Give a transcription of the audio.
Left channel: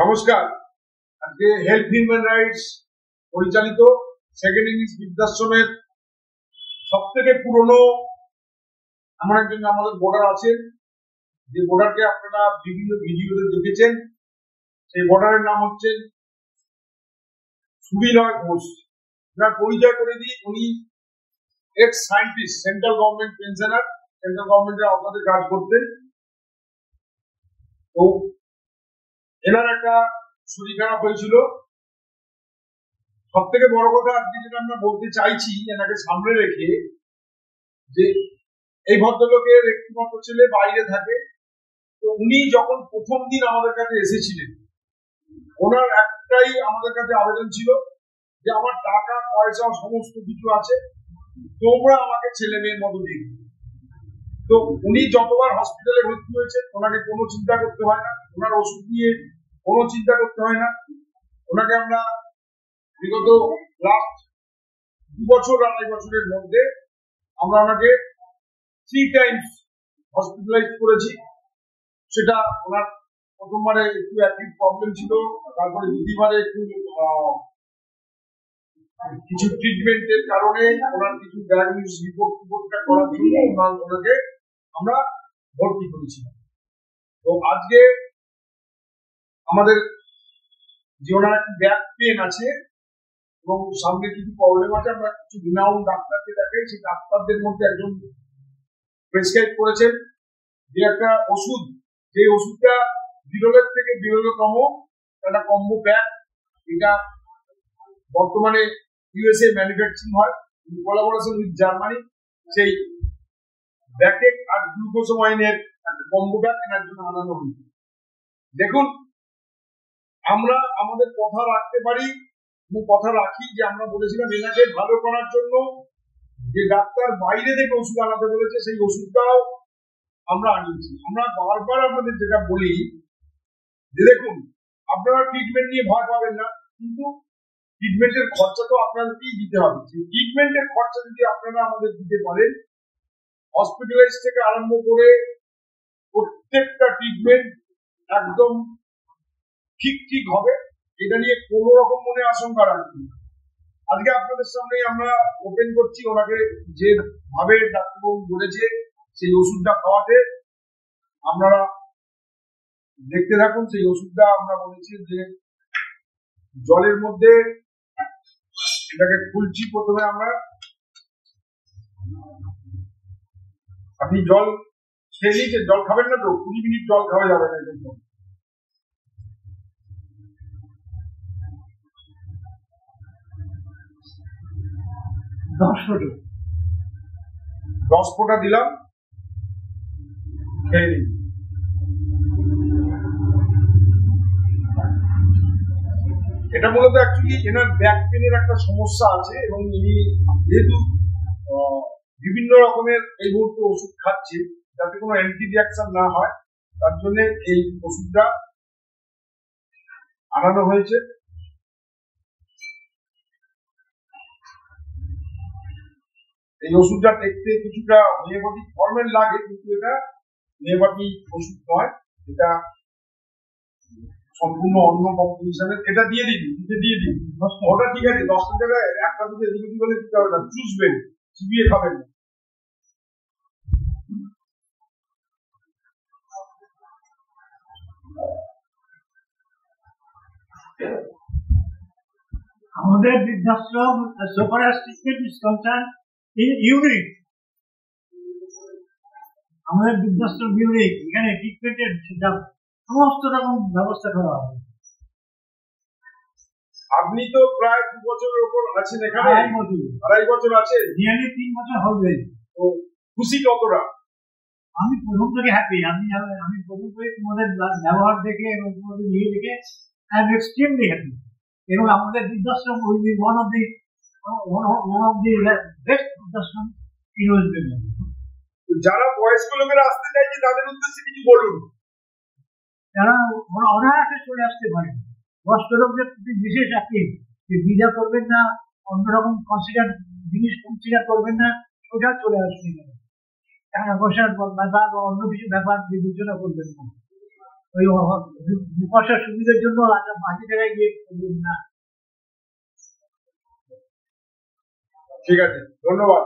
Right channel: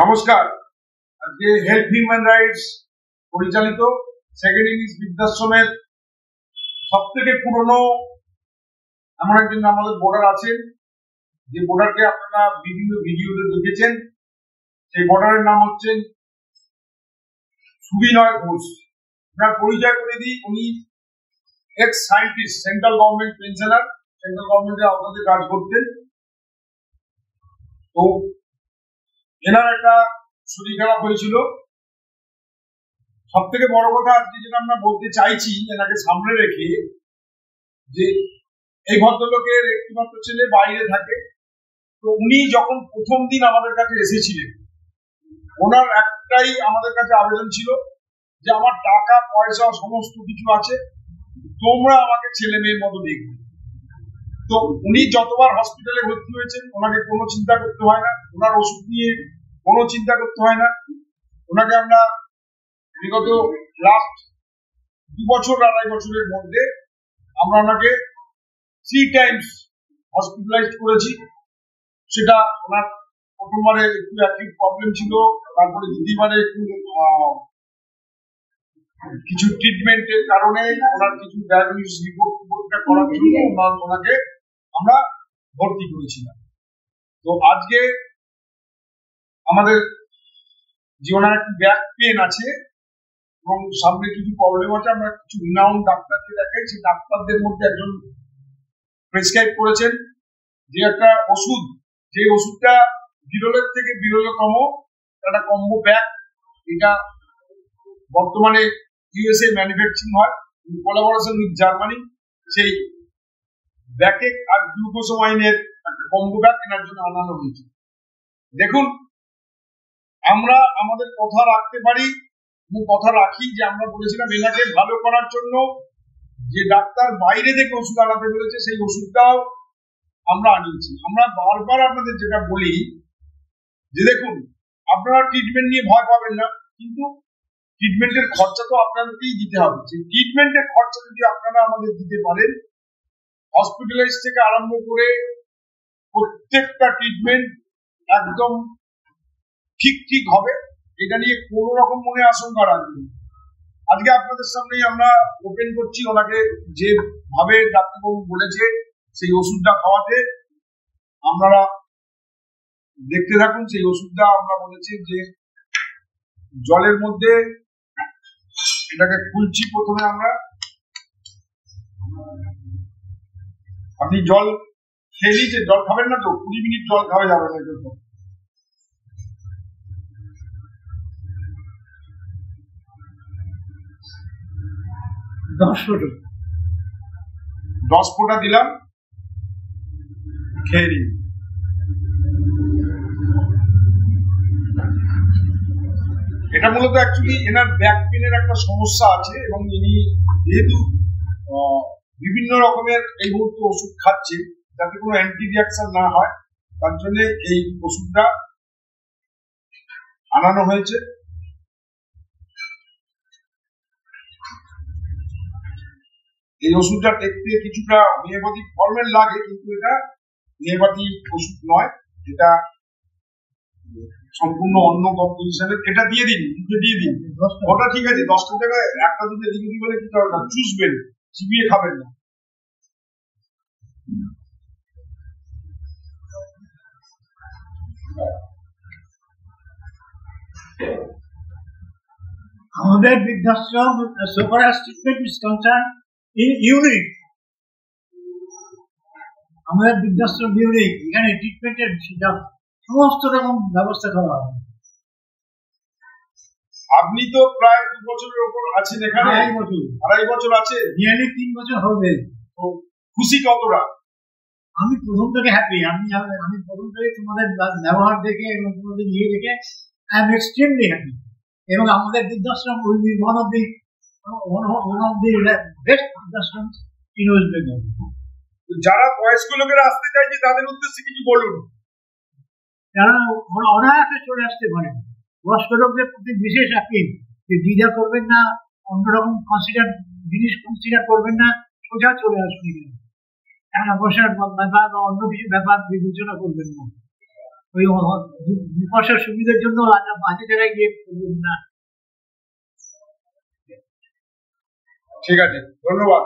নমস্কার। আজকে help human rights পরিচালিত সেকেন্ড ইনিংস বৃদ্ধাশ্রমের সব থেকে পুরনো এমন একজন আমাদের বোর্ডার আছেন, যে বোর্ডারকে আপনারা বিভিন্ন ভিডিওতে দেখেছেন। সেই বোর্ডারের নাম হচ্ছেন সুবিনয় ঘোষ। ওনার পরিচয় করে দিই, উনি x scientist, central government pensioner, central গভর্নমেন্টের আওতাতে কাজ করতেন। তো এনার একটা শরীর খারাপ হয়েছিল। সব থেকে বড় কথা আজকে যেটা আমরা বলতে চাইছি, এনাকে সামনে রেখে, যে এই ভদ্রলোকের একটিমাত্র ছেলে বাইরে থাকে। তো উনি যখন প্রথম দিন আমাদের কাছে এসেছিলেন, ওনার একটাই আমাদের কাছে আবেদন ছিল যে আমার টাকা পয়সা সমস্ত কিছু আছে, তোমরা আমাকে ছেলে মেয়ের মতো দেখবে। তো উনি যতবার হসপিটালে ভর্তি হয়েছেন, ওনাকে কোনো চিন্তা করতে হয় না, ওনার ওষুধ নিয়ে কোনো চিন্তা করতে হয় না। ওনাকে আমরা বিগত লাস্ট 2 বছর 2.5 বছরের মধ্যে আমরা ওনাকে 3 টাইমস হসপিটালাইজড করেছি। সেটা ওনার প্রথমবারে একটু অ্যাকিউট প্রবলেম ছিল, তারপরে দ্বিতীয়বারে একটু কিছু ট্রিটমেন্টের কারণে ওনার কিছু ডায়াগনোসিস রিপোর্টটা করার জন্য ওনাকে আমরা ভর্তি করেছিলাম। তো আজকে আমাদের যে ওনার একটু ব্যাক পেন আছে এবং সামনে কিছু প্রবলেম আছে, আমরা কিছু রিনাউন্ড ডাক্তারকে দেখাই। সেই ডাক্তারদের মধ্যে একজন প্রেসক্রাইব করেছেন যে একটা ওষুধ, যে ওষুধটা বিরলের থেকে বিরলতম একটা কম্বো প্যাক। এটা বর্তমানে ইউএসএ ম্যানুফ্যাকচারিং হয়, কোলাবোরেশন উইথ জার্মানি। সেই ব্যাকেক আর গ্লুকোসামাইনের একটা কম্বো প্যাক এনার জন্য আনানো হয়েছে। দেখুন, আমরা আমাদের কথা রাখতে পারি এবং কথা রাখি, যে আমরা বলেছিলাম এনাকে ভালো করার জন্য যে ডাক্তার বাইরে থেকে ওষুধ আনাতে বলেছে, সেই ওষুধটাও আমরা আনিয়েছি। আমরা বারবার আপনাদের যেটা বলি যে দেখুন, আপনারা ট্রিটমেন্ট নিয়ে ভয় পাবেন না, কিন্তু ট্রিটমেন্টের খরচা তো আপনাদেরকেই দিতে হবে। সেই ট্রিটমেন্টের খরচা যদি আপনারা আমাদের দিতে পারেন, হসপিটালাইজ থেকে আরম্ভ করে প্রত্যেকটা ট্রিটমেন্ট একদম ঠিক হবে, এটা নিয়ে কোনো রকম মনে আশঙ্কা রাখবেন না। আজকে আপনাদের সামনেই আমরা ওপেন করছি ওনাকে যেভাবে ডাক্তারবাবু বলেছে সেই ওষুধটা খাওয়াতে। আপনারা দেখতে থাকুন। সেই ওষুধটা আমরা বলেছি যে জলের মধ্যে এটাকে খুলছি। প্রথমে আমরা, আপনি জল খেয়ে নিয়েছেন, জল খাবেন না তো? 20 মিনিট জল খাওয়া যাবে না জন্য। দশ ফোঁটা দিলাম, খেয়ে নিন। এটা মূলত অ্যাকচুয়ালি এনার ব্যাক পেনের একটা সমস্যা আছে, এবং ইনি যেহেতু বিভিন্ন রকমের এই মুহূর্তে ওষুধ খাচ্ছে যাতে কোনো অ্যান্টি রিয়াকশন না হয়, তার জন্য এই ওষুধটা আনানো হয়েছে। এই ওষুধটা দেখতে কিছুটা হোমিওপ্যাথিক ফর্মের লাগে, কিন্তু এটা হোমিওপ্যাথি ওষুধ নয়, এটা সম্পূর্ণ অন্য কম্পোজিশনের। এটা দিয়ে দিন, মুখে দিয়ে দিন। ওটা ঠিক আছে, 10টা জায়গায় একটা দুটো এদিক ওদিক হলে কিছু হবে না, চুষবেন, চিবিয়ে খাবেন না। আমাদের বৃদ্ধাশ্রম so far as treatment is concerned unique. আমাদের বৃদ্ধাশ্রম ইউনিক, এখানে ট্রিটমেন্টের সমস্ত রকম ব্যবস্থা করা হবে। আপনি তো প্রায় 2 বছরের উপর আছেন এখানে। 2.5 বছর আছে, নিয়ারলি 3 বছর হবে। তো খুশি কতটা? আমি প্রথম থেকে হ্যাপি। আমি প্রথম থেকে তোমাদের ব্যবহার দেখে এবং তোমাদের ইয়ে দেখে আই এম এক্সট্রিমলি হ্যাপি। এবং আমাদের বৃদ্ধাশ্রম will be one of the best বৃদ্ধাশ্রম ইন ওয়েস্ট বেঙ্গল। যারা বয়স্ক লোকেরা আসতে চাইছে তাদের উদ্দেশ্যে কিছু বলুন। ওরা অনায়াসে চলে আসতে পারে। বয়স্ক লোকদের প্রতি বিশেষ আপিল যে দ্বিধা করবেন না, অন্যরকম জিনিস কনসিডার করবেন না, সোজা চলে আসুন এখানে। টাকা পয়সার ব্যাপার বা অন্য কিছু ব্যাপার বিবেচনা করবেন না। ওই পয়সার সুবিধার জন্য বাজে জায়গায় গিয়ে না। ঠিক আছে, ধন্যবাদ।